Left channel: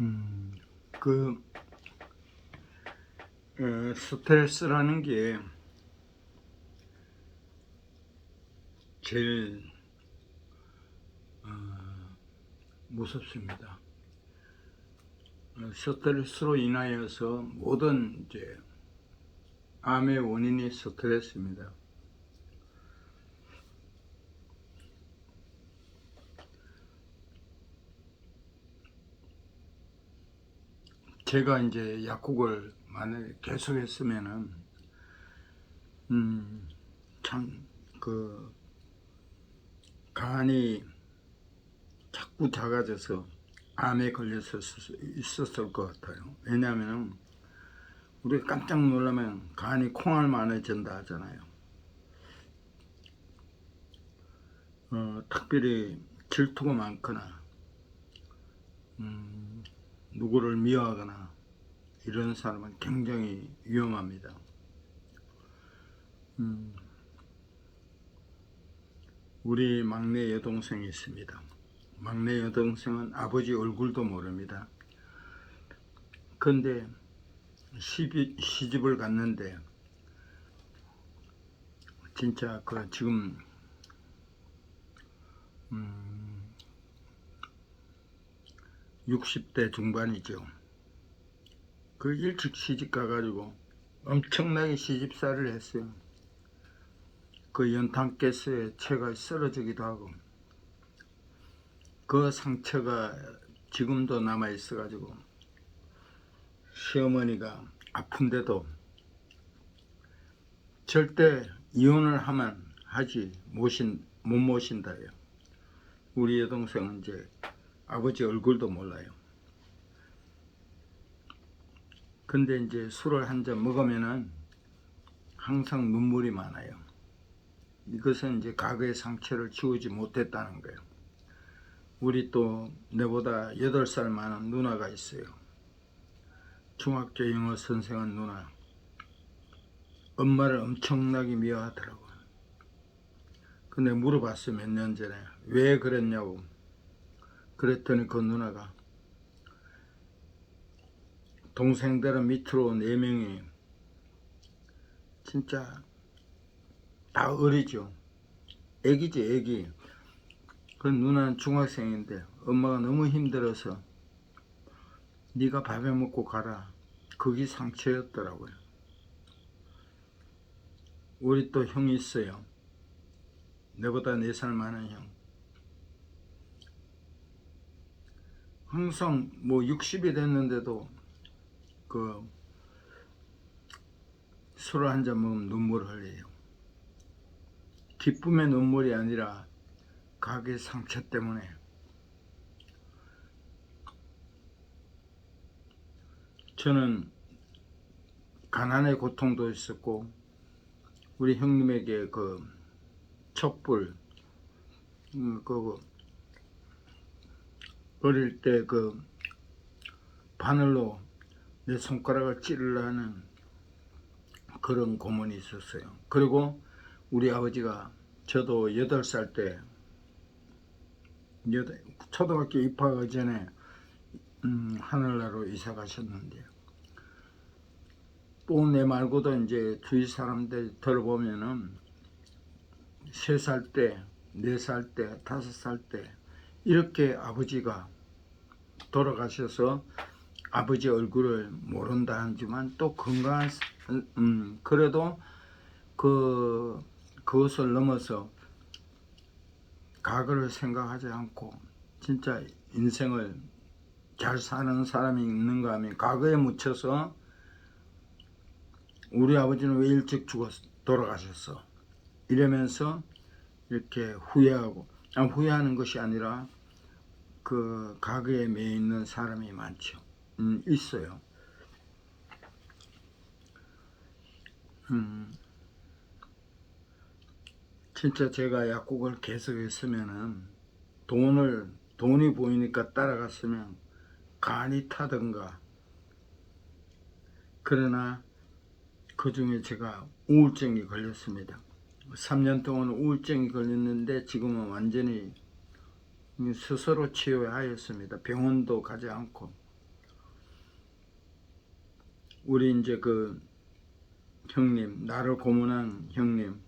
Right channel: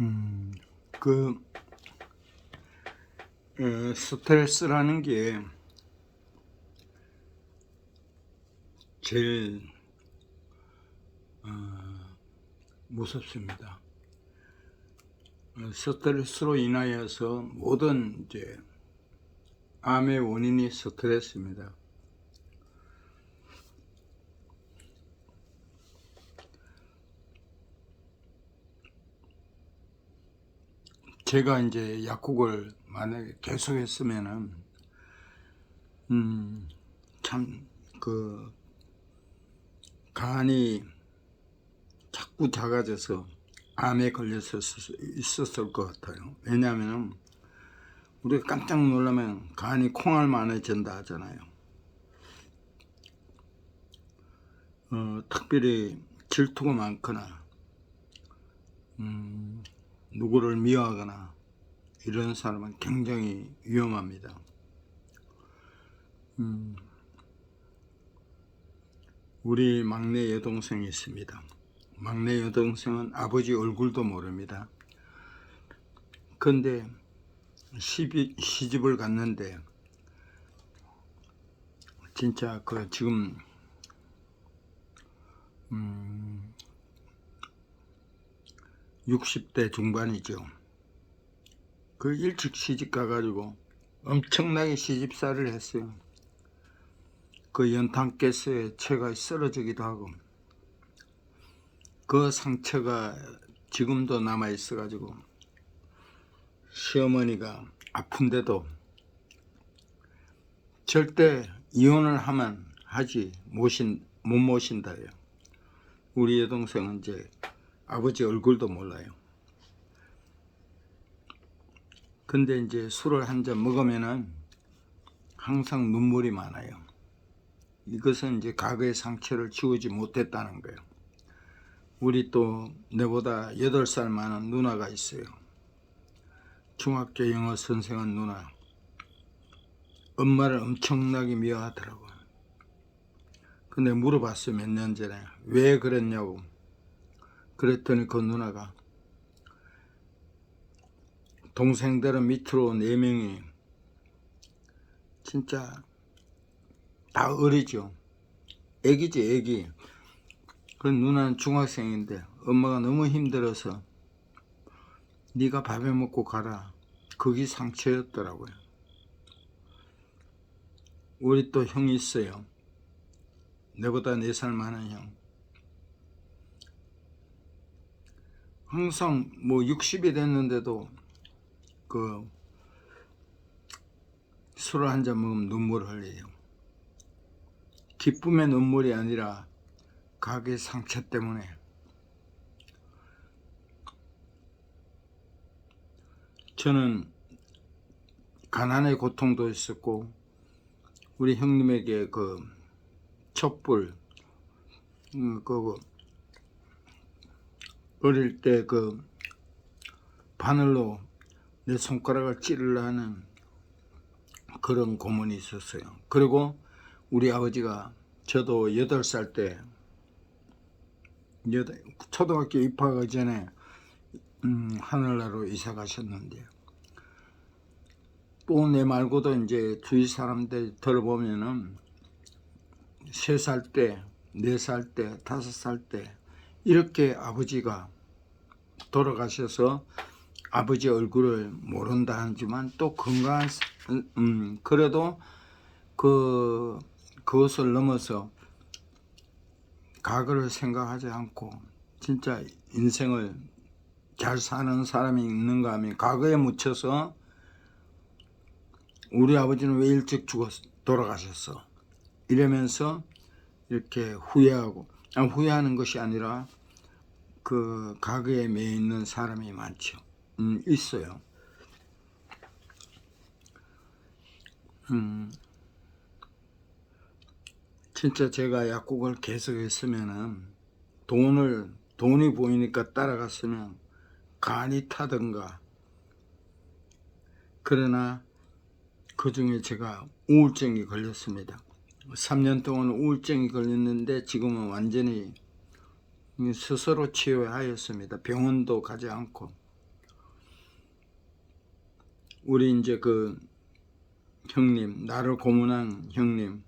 음, 그 스트레스라는 게 제일 무섭습니다. 스트레스로 인하여서 모든 이제 암의 원인이 스트레스입니다. 제가 이제 약국을 만약에 계속했으면은 참 그 간이 자꾸 작아져서 암에 걸려서 있었을 것 같아요. 왜냐하면 우리가 깜짝 놀라면 간이 콩알만해진다 하잖아요. 특별히 질투가 많거나 누구를 미워하거나 이런 사람은 굉장히 위험합니다. 우리 막내 여동생이 있습니다. 막내 여동생은 아버지 얼굴도 모릅니다. 근데 시집을 갔는데 진짜 그 지금 60대 중반이죠. 그 일찍 시집 가가지고 엄청나게 시집살이를 했어요. 그 연탄가스에 채가 쓰러지기도 하고 그 상처가 지금도 남아 있어가지고 시어머니가 아픈데도 절대 이혼을 하면 못 모신다요. 우리 여동생은 이제 아버지 얼굴도 몰라요. 근데 이제 술을 한 잔 먹으면은 항상 눈물이 많아요. 이것은 이제 과거의 상처를 지우지 못했다는 거예요. 우리 또 내보다 8살 많은 누나가 있어요. 중학교 영어 선생한 누나. 엄마를 엄청나게 미워하더라고요. 근데 물어봤어요. 몇 년 전에. 왜 그랬냐고. 그랬더니 그 누나가 동생들은 밑으로 4명이 진짜 다 어리죠. 애기지 애기. 그 누나는 중학생인데 엄마가 너무 힘들어서 네가 밥해 먹고 가라. 그게 상처였더라고요. 우리 또 형이 있어요. 내보다 4살 많은 형. 항상 뭐 60이 됐는데도 그 술을 한 잔 먹으면 눈물을 흘려요. 기쁨의 눈물이 아니라 가게의 상처 때문에. 저는 가난의 고통도 있었고 우리 형님에게 그 촛불 그 어릴 때 그 바늘로 내 손가락을 찌르려는 그런 고문이 있었어요. 그리고 우리 아버지가 저도 8살 때 초등학교 입학하기 전에 하늘나라로 이사 가셨는데 또 내 말고도 이제 주위 사람들 들어보면은 3살 때, 4살 때, 5살 때 이렇게 아버지가 돌아가셔서 아버지 얼굴을 모른다 하지만 또 건강한 그래도 그것을 넘어서 과거를 생각하지 않고 진짜 인생을 잘 사는 사람이 있는가 하면 과거에 묻혀서 우리 아버지는 왜 일찍 돌아가셨어 이러면서 이렇게 후회하는 것이 아니라 그 과거에 매여 있는 사람이 많죠. 있어요. 진짜 제가 약국을 계속했으면은 돈이 보이니까 따라갔으면 간이 타든가. 그러나 그 중에 제가 우울증이 걸렸습니다. 3년 동안 우울증이 걸렸는데 지금은 완전히 스스로 치유하였습니다. 병원도 가지 않고. 우리 이제 그 형님, 나를 고문한 형님,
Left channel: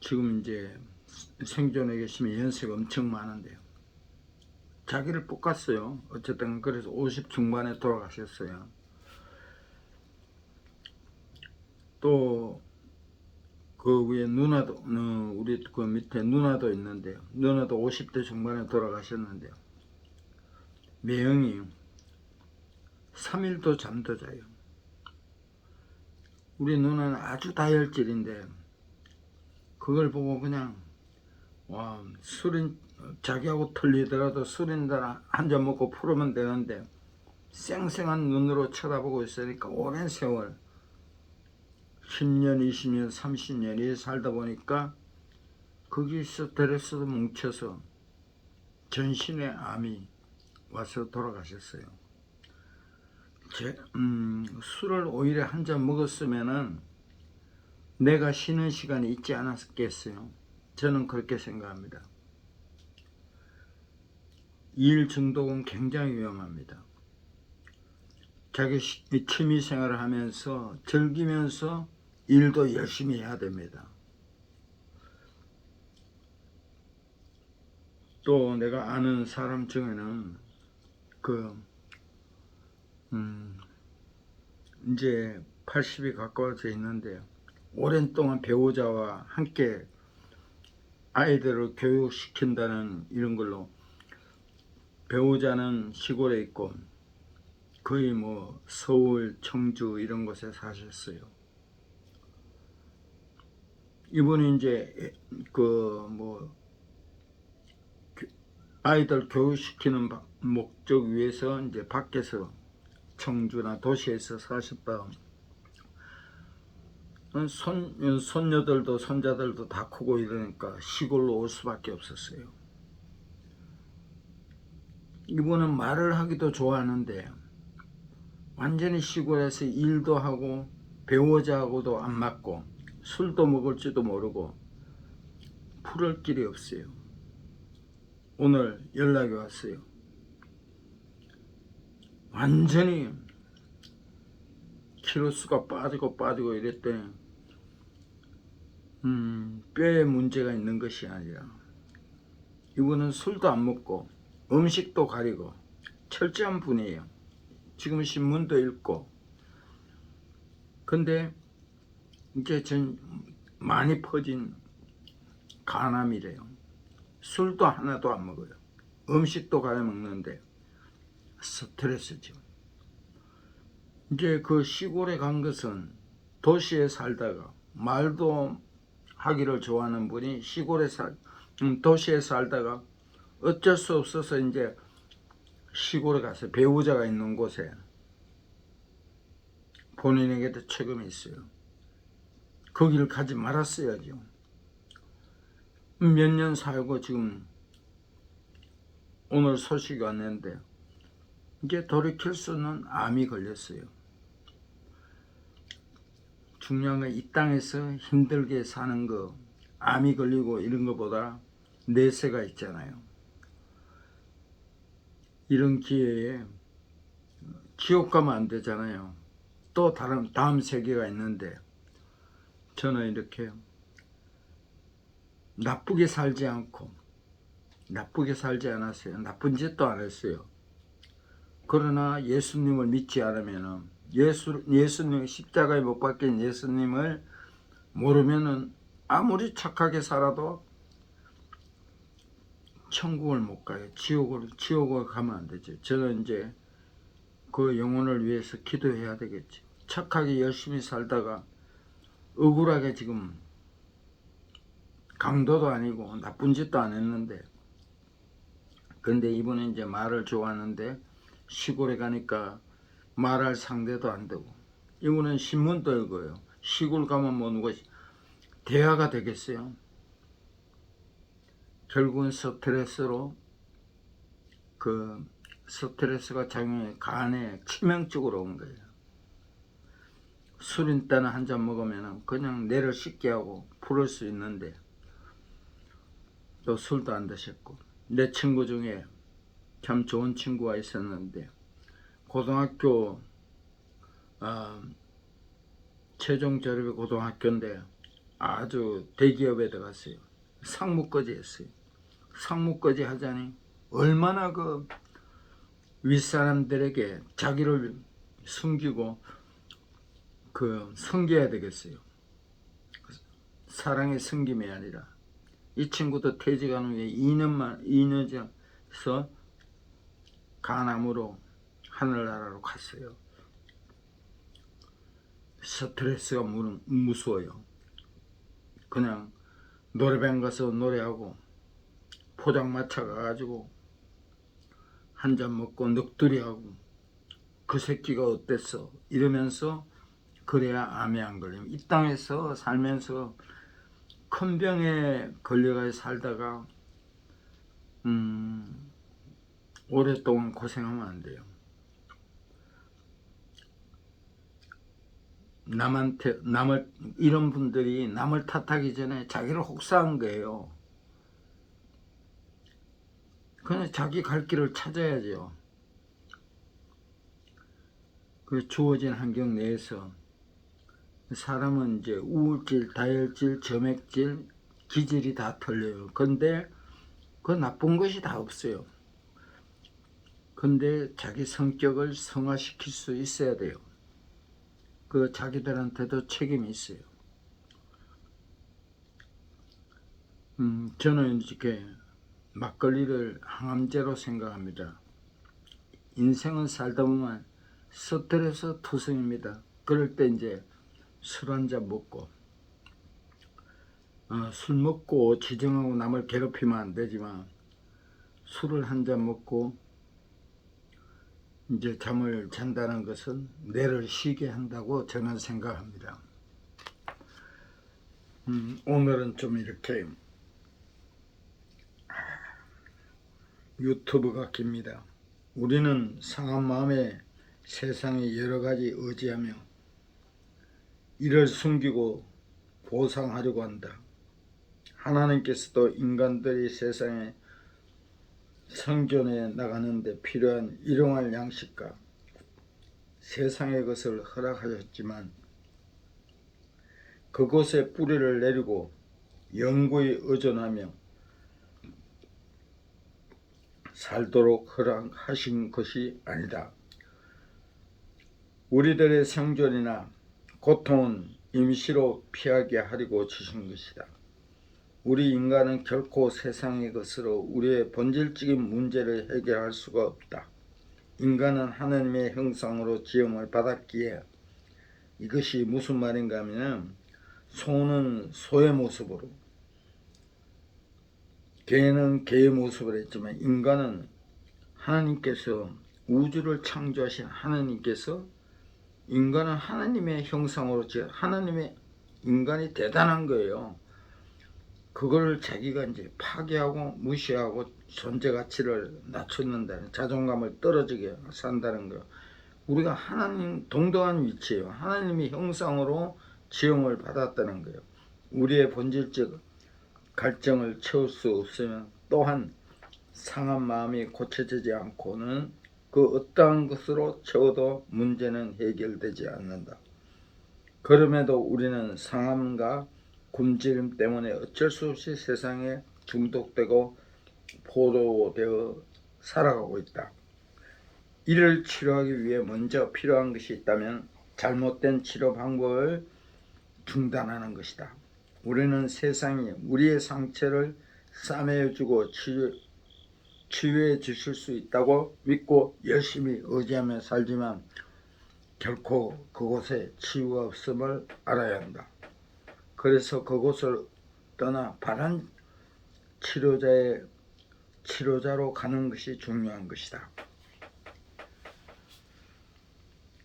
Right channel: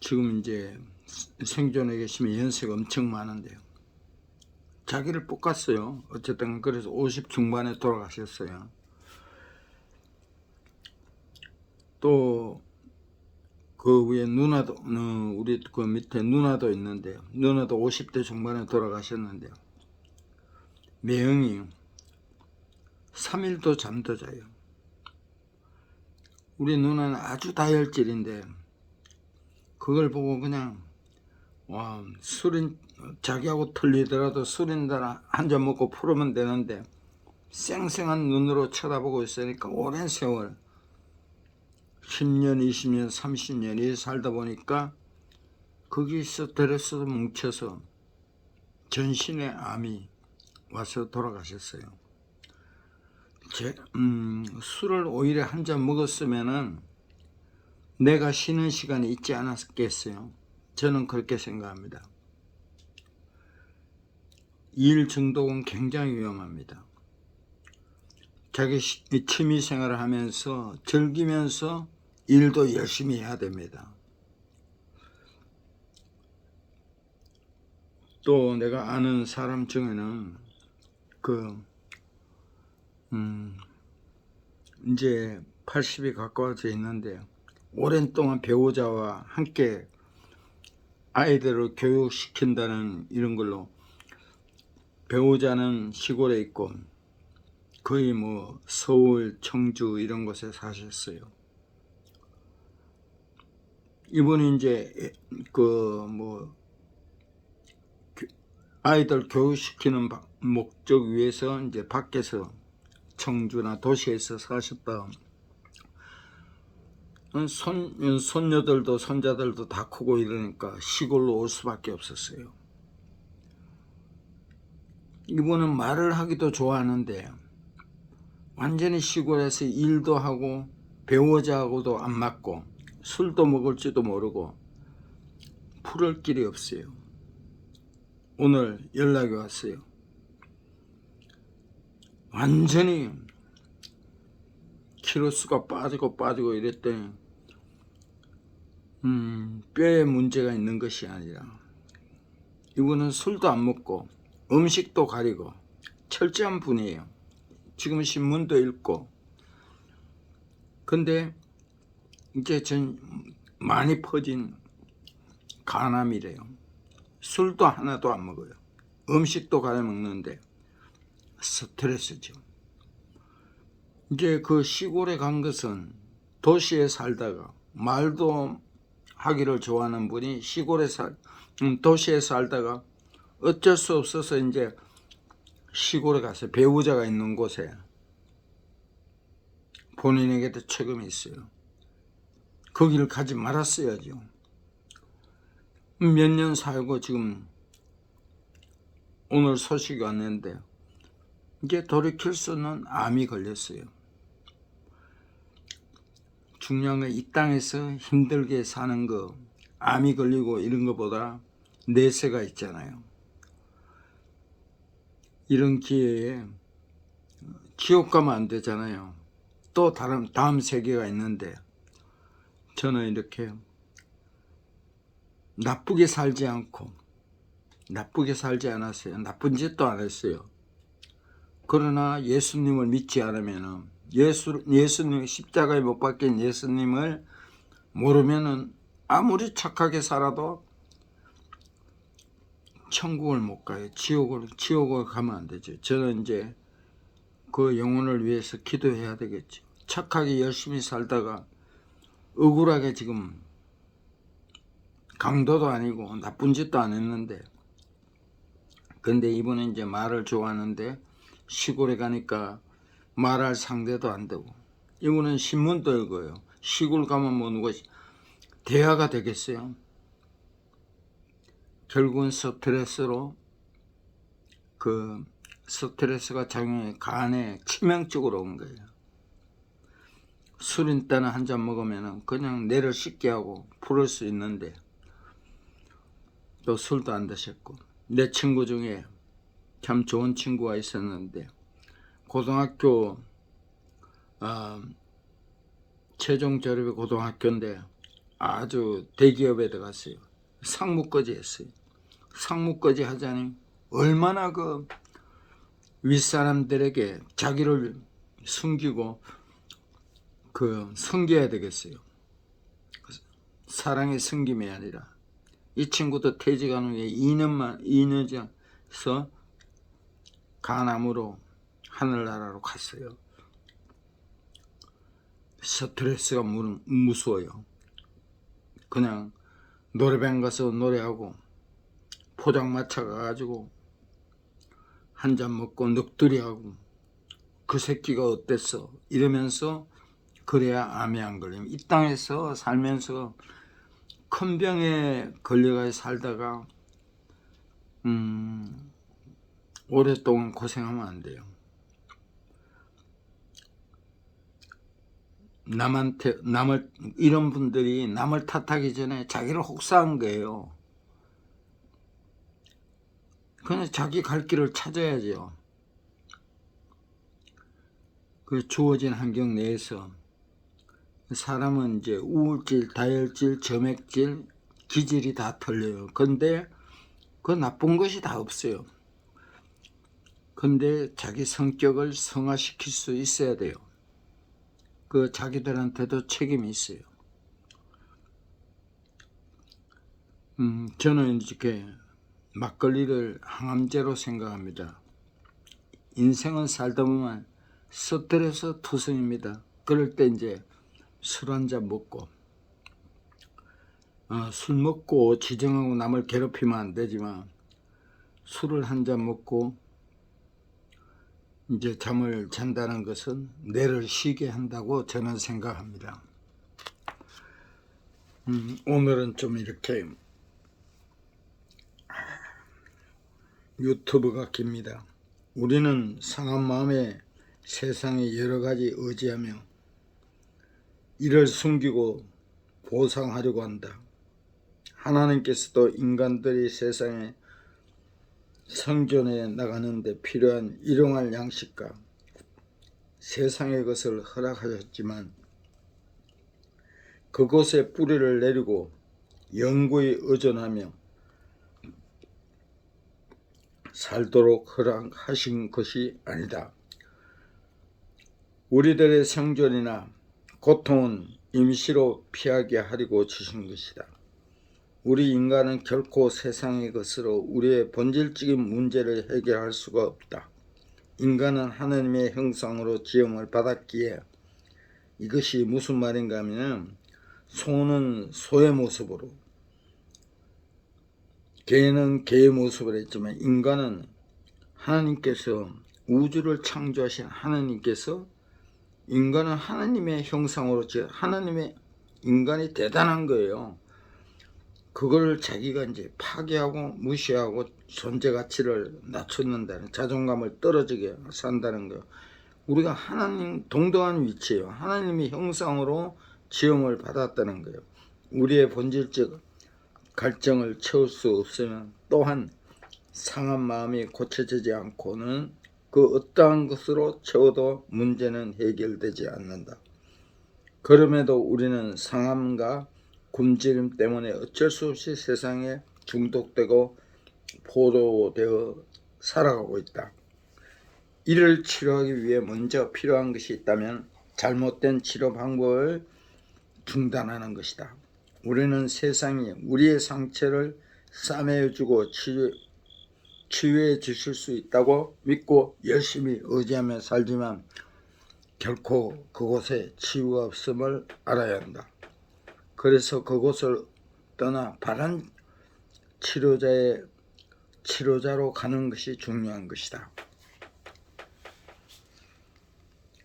지금 이제 생존해 계시면 연세가 엄청 많은데요. 자기를 볶았어요. 어쨌든 그래서 50 중반에 돌아가셨어요. 또 그 위에 누나도, 우리 그 밑에 누나도 있는데요. 누나도 50대 중반에 돌아가셨는데요. 매형이 3일도 잠도 자요. 우리 누나는 아주 다혈질인데 그걸 보고 그냥 와, 술인 자기하고 틀리더라도 술인다 한 잔 먹고 풀으면 되는데 쌩쌩한 눈으로 쳐다보고 있으니까 오랜 세월 10년, 20년, 30년이 살다 보니까 거기서 스트레스도 뭉쳐서 전신에 암이 와서 돌아가셨어요. 술을 오히려 한 잔 먹었으면은 내가 쉬는 시간이 있지 않았겠어요. 저는 그렇게 생각합니다. 일 중독은 굉장히 위험합니다. 자기 취미 생활을 하면서 즐기면서 일도 열심히 해야 됩니다. 또 내가 아는 사람 중에는 이제 80이 가까워져 있는데 오랜 동안 배우자와 함께 아이들을 교육시킨다는 이런 걸로 배우자는 시골에 있고 거의 뭐 서울, 청주 이런 곳에 사셨어요. 이분이 이제 그 뭐 아이들 교육시키는 목적 위해서 이제 밖에서 청주나 도시에서 사셨다. 손녀들도 손자들도 다 크고 이러니까 시골로 올 수밖에 없었어요. 이분은 말을 하기도 좋아하는데 완전히 시골에서 일도 하고 배우자하고도 안 맞고 술도 먹을지도 모르고 풀을 길이 없어요. 오늘 연락이 왔어요. 완전히 키로수가 빠지고 이랬더니 뼈에 문제가 있는 것이 아니라 이분은 술도 안 먹고 음식도 가리고 철저한 분이에요. 지금 신문도 읽고. 근데 이제 전 많이 퍼진 간암이래요. 술도 하나도 안 먹어요. 음식도 가려 먹는데 스트레스죠. 이제 그 시골에 간 것은 도시에 살다가 말도 하기를 좋아하는 분이 도시에 살다가 어쩔 수 없어서 이제 시골에 가서 배우자가 있는 곳에 본인에게도 책임이 있어요. 거기를 가지 말았어야죠. 몇 년 살고 지금 오늘 소식이 왔는데 이제 돌이킬 수 없는 암이 걸렸어요. 중요한 건 이 땅에서 힘들게 사는 거, 암이 걸리고 이런 것보다 내세가 있잖아요. 이런 기회에 지옥 가면 안 되잖아요. 또 다음 세계가 있는데 저는 이렇게 나쁘게 살지 않았어요. 나쁜 짓도 안 했어요. 그러나 예수님을 믿지 않으면 예수님 십자가에 못 박힌 예수님을 모르면은 아무리 착하게 살아도 천국을 못 가요. 지옥을 가면 안 되죠. 저는 이제 그 영혼을 위해서 기도해야 되겠죠. 착하게 열심히 살다가 억울하게 지금 강도도 아니고 나쁜 짓도 안 했는데 근데 이분은 이제 말을 좋아하는데 시골에 가니까 말할 상대도 안 되고 이분은 신문도 읽어요. 시골 가면 뭐 누가 대화가 되겠어요. 결국은 스트레스가 작용해 간에 치명적으로 온 거예요. 술인 때는 한 잔 먹으면 그냥 뇌를 씻게 하고 풀을 수 있는데 또 술도 안 드셨고 내 친구 중에 참 좋은 친구가 있었는데 고등학교 어, 최종 졸업이 고등학교인데 아주 대기업에 들어갔어요. 상무까지 했어요. 상무까지 하자니 얼마나 그 윗사람들에게 자기를 숨기고 그 숨겨야 되겠어요. 사랑의 숨김이 아니라. 이 친구도 퇴직한 후에 2년에서 가남으로 하늘나라로 갔어요. 스트레스가 무서워요. 그냥 노래방 가서 노래하고 포장마차 가가지고 한 잔 먹고 넋두리하고 그 새끼가 어땠어 이러면서 그래야 암에 안 걸리면 이 땅에서 살면서 큰 병에 걸려가 살다가 오랫동안 고생하면 안 돼요. 남을 이런 분들이 남을 탓하기 전에 자기를 혹사한 거예요. 그냥 자기 갈 길을 찾아야죠. 그 주어진 환경 내에서 사람은 이제 우울질, 다혈질, 점액질, 기질이 다 틀려요. 근데 그 나쁜 것이 다 없어요. 근데 자기 성격을 성화시킬 수 있어야 돼요. 그 자기들한테도 책임이 있어요. 저는 이렇게 막걸리를 항암제로 생각합니다. 인생은 살다 보면 스트레스 투성입니다. 그럴 때 이제 술 한잔 먹고 술 먹고 지정하고 남을 괴롭히면 안 되지만 술을 한잔 먹고 이제 잠을 잔다는 것은 뇌를 쉬게 한다고 저는 생각합니다. 오늘은 좀 이렇게 유튜브가 깁니다. 우리는 상한 마음에 세상에 여러 가지 의지하며 이를 숨기고 보상하려고 한다. 하나님께서도 인간들이 세상에 생존해 나가는데 필요한 일용할 양식과 세상의 것을 허락하셨지만 그곳에 뿌리를 내리고 영구히 의존하며 살도록 허락하신 것이 아니다. 우리들의 생존이나 고통은 임시로 피하게 하려고 주신 것이다. 우리 인간은 결코 세상의 것으로 우리의 본질적인 문제를 해결할 수가 없다. 인간은 하나님의 형상으로 지음을 받았기에 이것이 무슨 말인가 하면 소는 소의 모습으로 개는 개의 모습을 했지만 인간은 하나님께서 우주를 창조하신 하나님께서 인간은 하나님의 형상으로 하나님의 인간이 대단한 거예요. 그걸 자기가 이제 파괴하고 무시하고 존재 가치를 낮췄는다는 자존감을 떨어지게 산다는 거예요. 우리가 하나님 동등한 위치예요. 하나님의 형상으로 지음을 받았다는 거예요. 우리의 본질적 갈증을 채울 수 없으면 또한 상한 마음이 고쳐지지 않고는 그 어떠한 것으로 채워도 문제는 해결되지 않는다. 그럼에도 우리는 상함과 굶주림 때문에 어쩔 수 없이 세상에 중독되고 포로되어 살아가고 있다. 이를 치료하기 위해 먼저 필요한 것이 있다면 잘못된 치료 방법을 중단하는 것이다. 우리는 세상이 우리의 상처를 싸매주고 치유해 주실 수 있다고 믿고 열심히 의지하며 살지만 결코 그곳에 치유가 없음을 알아야 한다. 그래서 그곳을 떠나 바른 치료자로 가는 것이 중요한 것이다.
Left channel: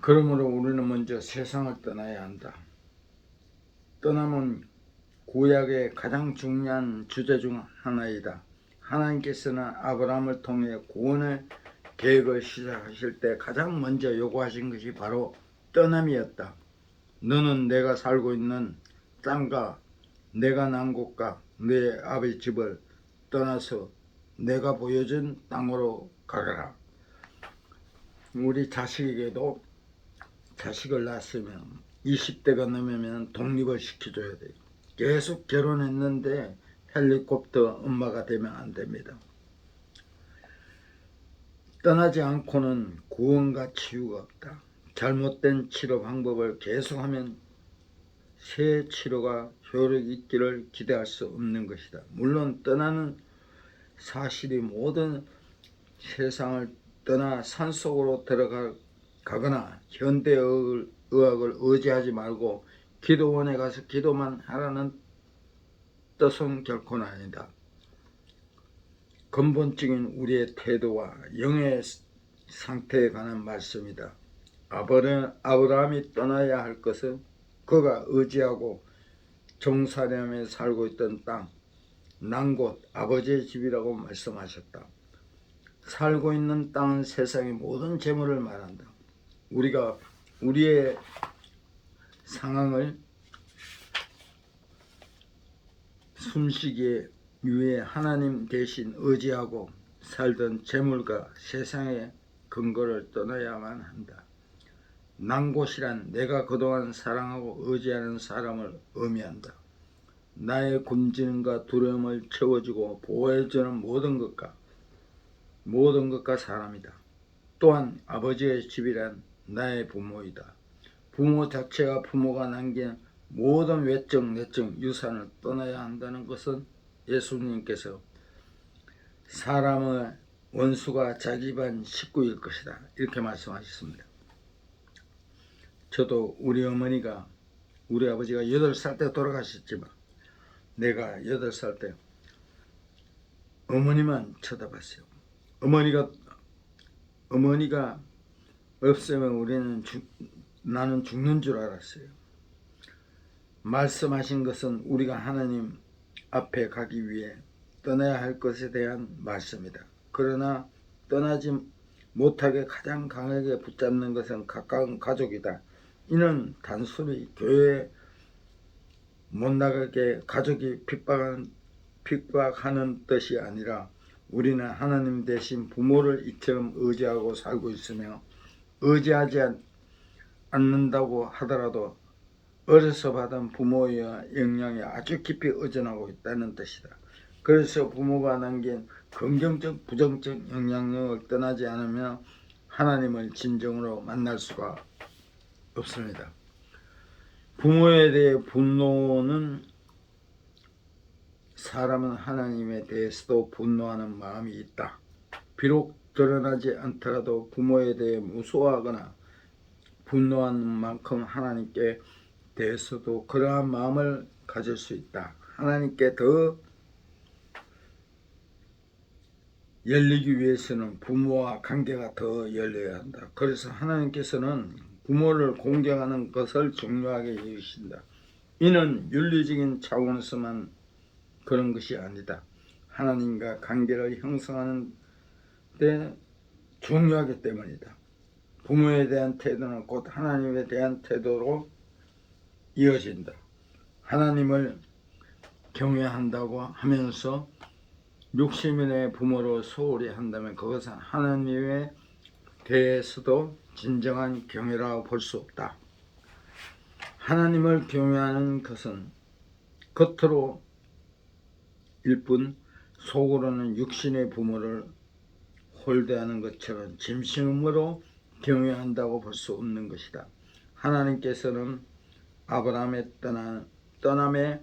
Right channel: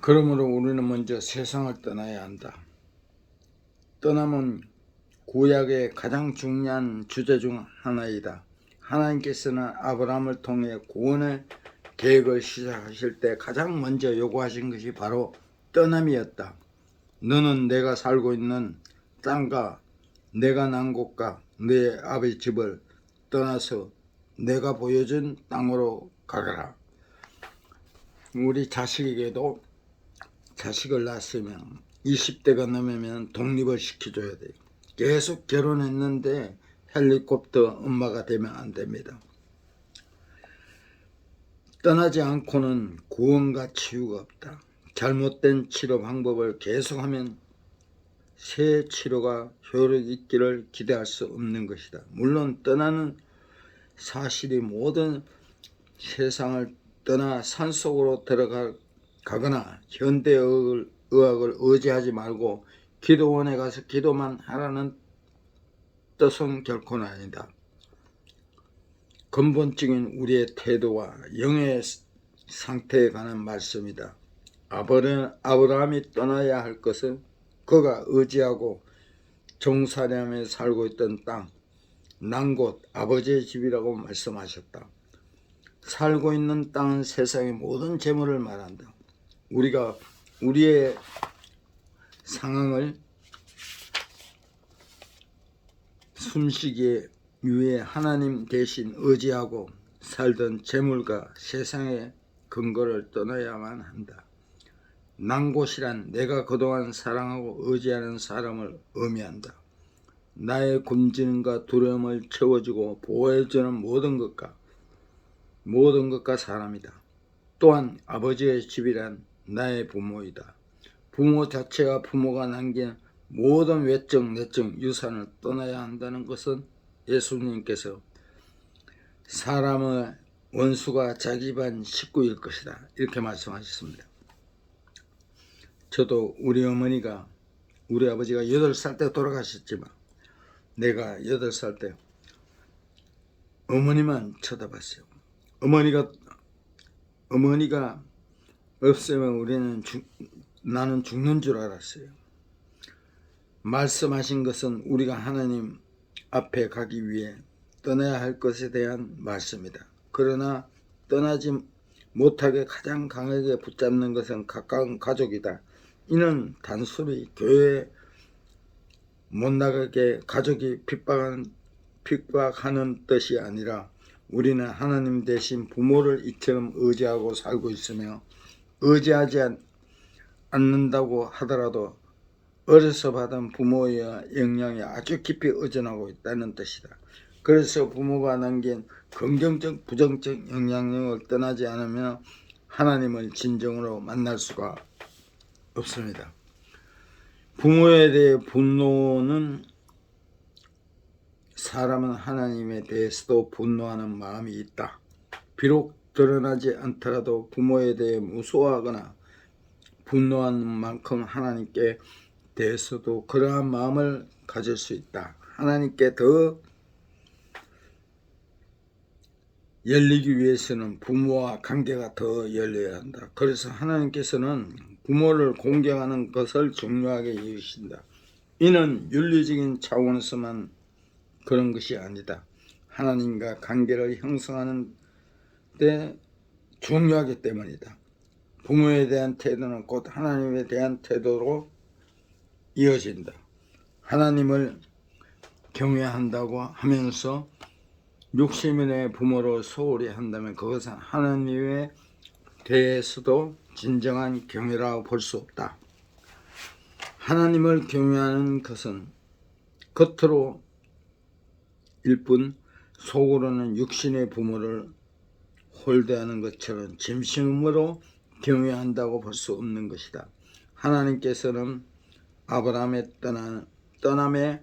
그러므로 우리는 먼저 세상을 떠나야 한다. 떠남은 구약의 가장 중요한 주제 중 하나이다. 하나님께서는 아브라함을 통해 구원의 계획을 시작하실 때 가장 먼저 요구하신 것이 바로 떠남이었다. 너는 내가 살고 있는 땅과 내가 난 곳과 내 아버지 집을 떠나서 내가 보여준 땅으로 가거라. 우리 자식에게도 자식을 낳았으면 20대가 넘으면 독립을 시켜줘야 돼요. 계속 결혼했는데 헬리콥터 엄마가 되면 안 됩니다. 떠나지 않고는 구원과 치유가 없다. 잘못된 치료 방법을 계속하면 새 치료가 효력 있기를 기대할 수 없는 것이다. 물론 떠나는 사실이 모든 세상을 떠나 산속으로 들어가거나 현대의학을 의지하지 말고 기도원에 가서 기도만 하라는 뜻은 결코는 아니다. 근본적인 우리의 태도와 영의 상태에 관한 말씀이다. 아브라함이 떠나야 할 것은 그가 의지하고 종살이하며 살고 있던 땅, 난 곳 아버지의 집이라고 말씀하셨다. 살고 있는 땅은 세상의 모든 재물을 말한다. 우리가 우리의 상황을 숨쉬기 위해 하나님 대신 의지하고 살던 재물과 세상의 근거를 떠나야만 한다. 난 곳이란 내가 그동안 사랑하고 의지하는 사람을 의미한다. 나의 굶주림과 두려움을 채워주고 보호해주는 모든 것과 사람이다. 또한 아버지의 집이란 나의 부모이다. 부모 자체가 부모가 남긴 모든 외적 내적 유산을 떠나야 한다는 것은 예수님께서 사람의 원수가 자기 반 식구일 것이다 이렇게 말씀하셨습니다. 저도 우리 아버지가 8살 때 돌아가셨지만 내가 8살 때 어머니만 쳐다봤어요. 어머니가 없으면 나는 죽는 줄 알았어요. 말씀하신 것은 우리가 하나님 앞에 가기 위해 떠나야 할 것에 대한 말씀이다. 그러나 떠나지 못하게 가장 강하게 붙잡는 것은 가까운 가족이다. 이는 단순히 교회에 못 나가게 가족이 핍박하는 뜻이 아니라 우리는 하나님 대신 부모를 이처럼 의지하고 살고 있으며 의지하지 않는다고 하더라도 어려서 받은 부모의 영향이 아주 깊이 의존하고 있다는 뜻이다. 그래서 부모가 남긴 긍정적 부정적 영향력을 떠나지 않으면 하나님을 진정으로 만날 수가 없습니다. 부모에 대해 분노는 사람은 하나님에 대해서도 분노하는 마음이 있다. 비록 드러나지 않더라도 부모에 대해 무서워하거나 분노하는 만큼 하나님께 대해서도 그러한 마음을 가질 수 있다. 하나님께 더 열리기 위해서는 부모와 관계가 더 열려야 한다. 그래서 하나님께서는 부모를 공경하는 것을 중요하게 여기신다. 이는 윤리적인 차원에서만 그런 것이 아니다. 하나님과 관계를 형성하는 데 중요하기 때문이다. 부모에 대한 태도는 곧 하나님에 대한 태도로 이어진다. 하나님을 경외한다고 하면서 육신의 부모로 소홀히 한다면 그것은 하나님에 대해서도 진정한 경외라고 볼 수 없다. 하나님을 경외하는 것은 겉으로 일뿐 속으로는 육신의 부모를 홀대하는 것처럼 진심으로 경외한다고 볼 수 없는 것이다. 하나님께서는 아브라함의 떠남의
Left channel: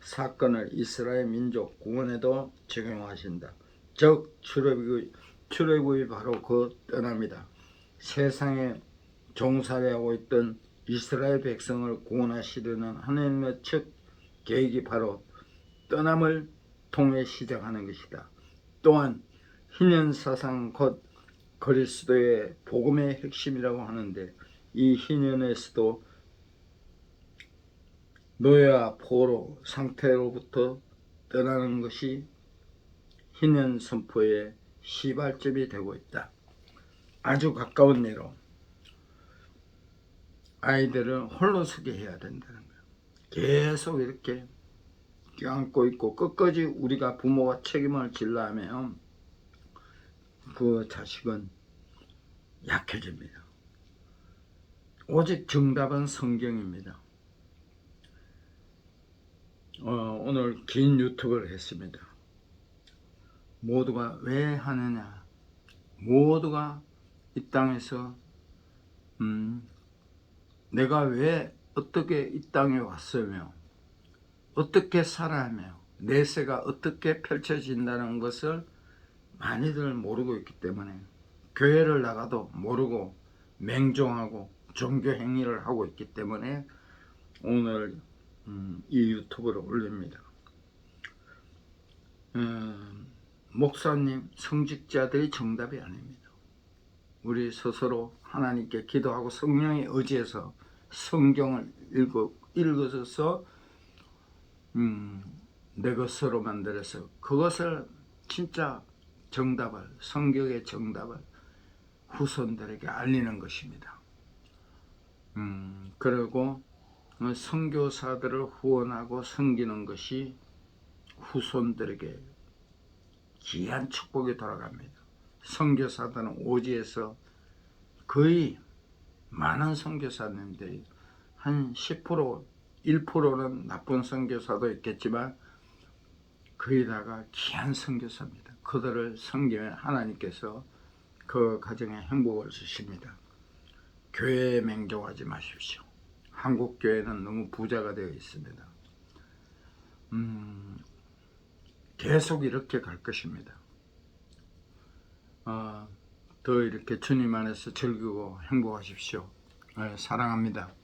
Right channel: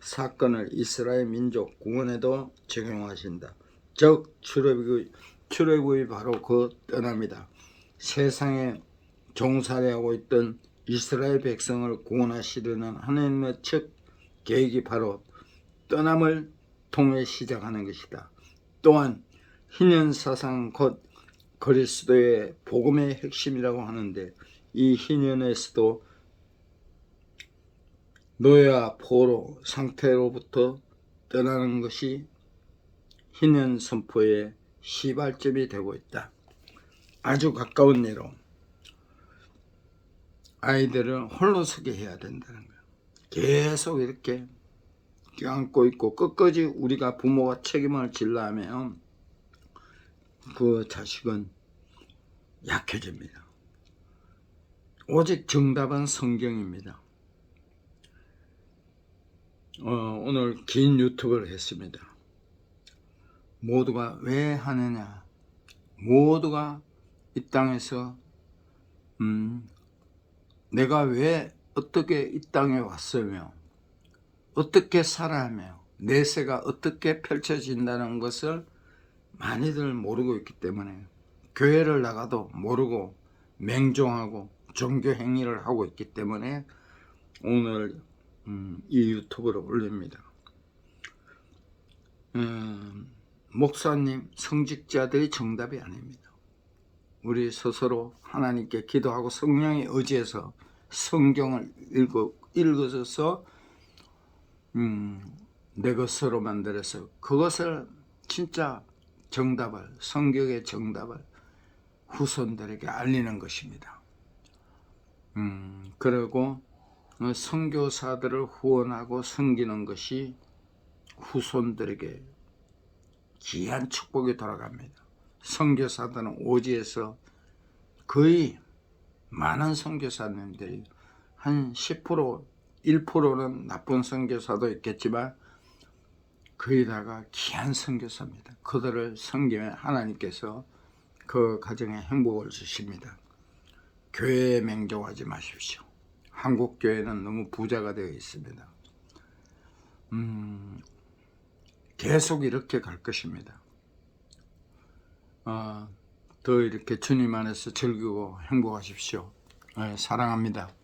사건을 이스라엘 민족 구원에도 적용하신다. 즉 출애굽이 바로 그 떠남이다. 세상에 종살이하고 있던 이스라엘 백성을 구원하시려는 하나님의 첫 계획이 바로 떠남을 통해 시작하는 것이다. 또한 희년사상 곧 그리스도의 복음의 핵심이라고 하는데 이 희년에서도 노예와 포로 상태로부터 떠나는 것이 희년 선포의 시발점이 되고 있다. 아주 가까운 예로 아이들을 홀로 서게 해야 된다는 거야. 계속 이렇게 껴안고 있고 끝까지 우리가 부모가 책임을 질라 하면 그 자식은 약해집니다. 오직 정답은 성경입니다. 오늘 긴 유튜브를 했습니다. 모두가 왜 하느냐, 모두가 이 땅에서 내가 왜 어떻게 이 땅에 왔으며 어떻게 살아가며 내세가 어떻게 펼쳐진다는 것을 많이들 모르고 있기 때문에 교회를 나가도 모르고 맹종하고 종교 행위를 하고 있기 때문에 오늘 이 유튜브를 올립니다. 목사님, 성직자들이 정답이 아닙니다. 우리 스스로 하나님께 기도하고 성령의 의지에서 성경을 읽어서 내 것으로 만들어서 그것을 진짜 정답을, 성경의 정답을 후손들에게 알리는 것입니다. 그리고 선교사들을 후원하고 섬기는 것이 후손들에게 귀한 축복이 돌아갑니다. 선교사들은 오지에서 거의 많은 선교사님들이 한 10%, 1%는 나쁜 선교사도 있겠지만 거의 다가 귀한 선교사입니다. 그들을 섬기면 하나님께서 그 가정에 행복을 주십니다. 교회에 맹종하지 마십시오. 한국 교회는 너무 부자가 되어 있습니다. 계속 이렇게 갈 것입니다. 더 이렇게 주님 안에서 즐기고 행복하십시오. 사랑합니다.